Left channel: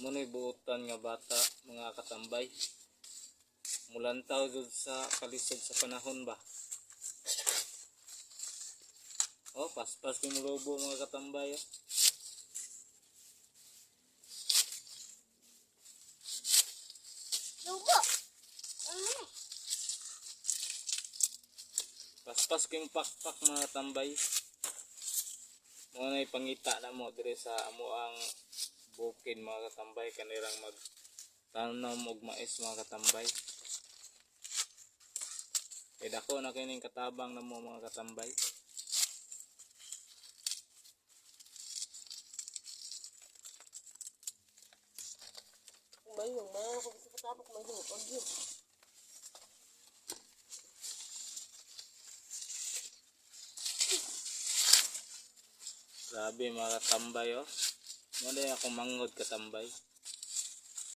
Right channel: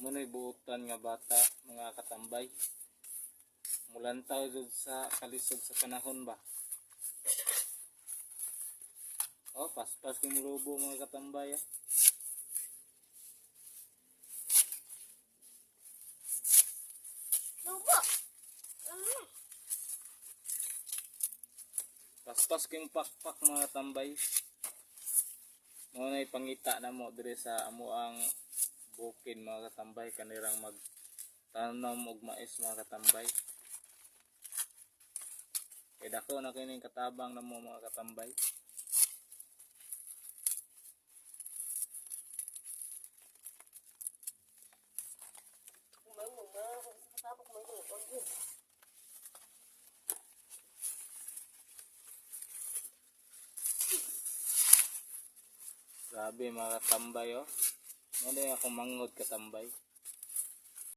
Muna'y buutan nga bata mga katambay. Mulantaw jud sa kalisod sa panahon ba. Oh, paspas kay mulobo mga katambay. Lubo. Paspas kay pakpak mga tambay. Mo na ipangita na mo dire sa amo ang bukid mga katambay, kanirang magtanom og mais mga katambay. Kay dako na kining katabang na mo mga katambay. Mayong mga ako sa katabok mayong og yun. Grabe mga katambay oh. Mo na ako mangod katambay.